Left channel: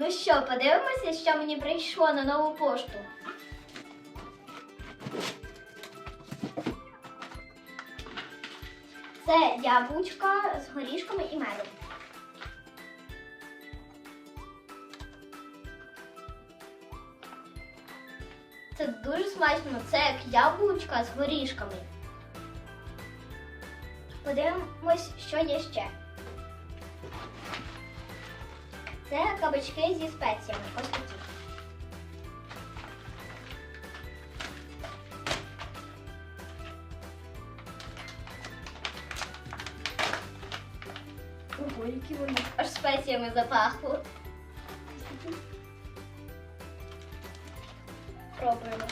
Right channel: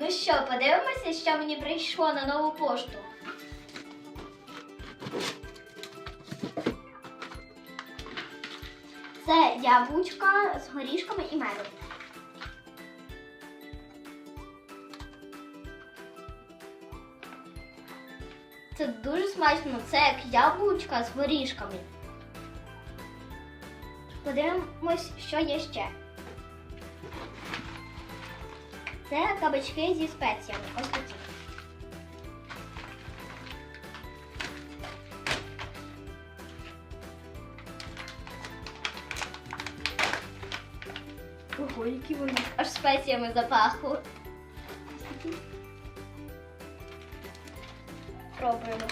Ну що, подивимося, що мені прийшло на нову пошту. Це яблучка з горішками і медом. Це дуже смачно. Це як яблучка з горішками. Подивимось, що є ще. Це кабачки зі спеціями. Ось такі. Ого, які вони аж спеціями запахло. Пробуємо.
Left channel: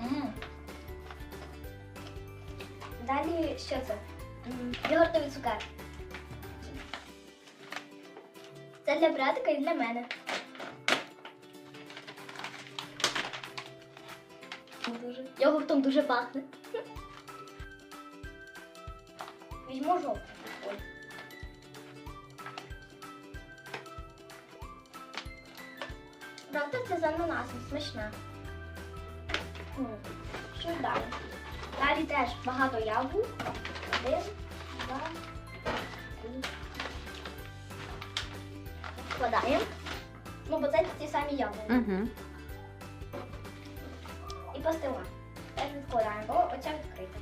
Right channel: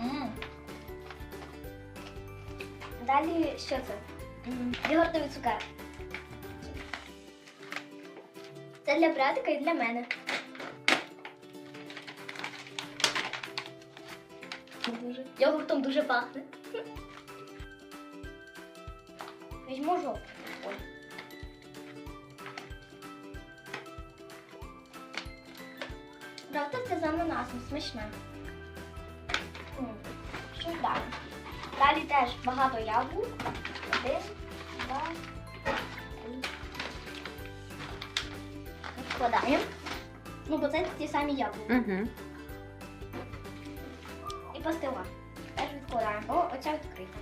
М, Далі що це? М, Йогуртові цукерки. Це для братика і для мене. Дуже. Йогуртом дуже пахне. Візьму жовтий. Правда, це з ананасом смачна. Що далі? Далі теж багато яблук. Один. Вкладаємо. Ну, бо це ті самі яблука. Угу. І пастила. Теж відкладаємо. О, оця відкрита.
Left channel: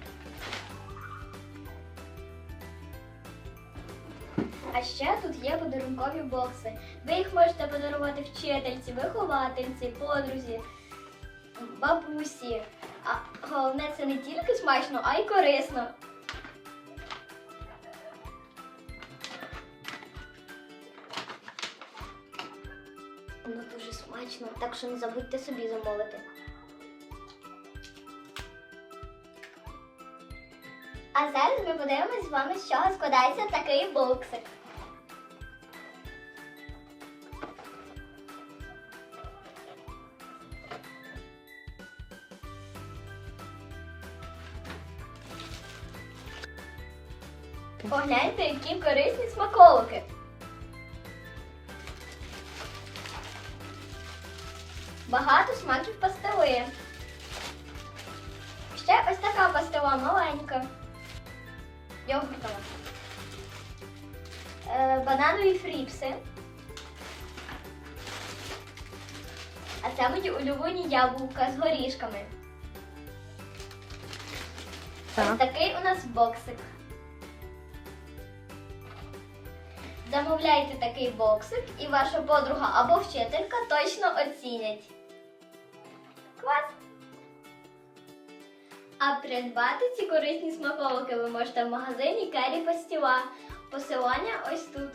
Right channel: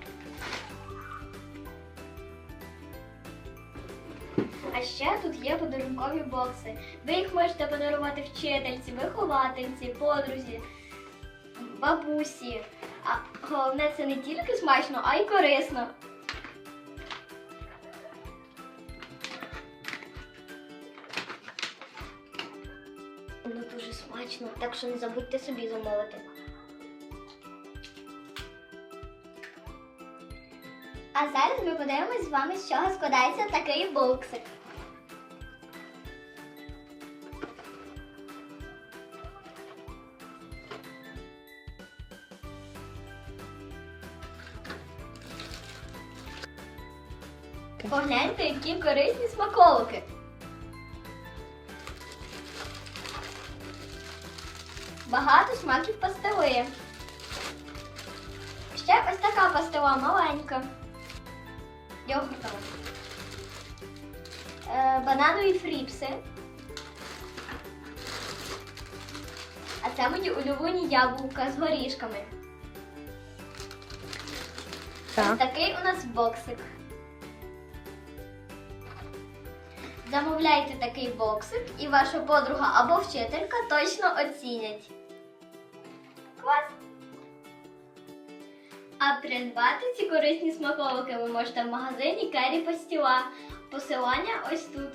А ще тут є подарункові бокси. Ви їх можете подарувати вчительці, виховательці, подрузі, бабусі. А головне, це не тільки смачно, а й корисно. Смачно, так що не забудьте собі замовити. А зараз ми подивимось з вами, з чого складається такий боксик. Погляньте, які корисні смаколики. Багато смаків пастили. Ще ось така пастила маленька. Йогуртова. Е, бананові фріпси. А це мої улюблені яблука з горішками. Ось такий у нас боксик. Замовляйте такий боксик, і ваша подруга або вчителька точно оцінять. Клас! А придбати ці корисні смаковики ви можете в магазині Кері Пастіла. Посилання ось тут.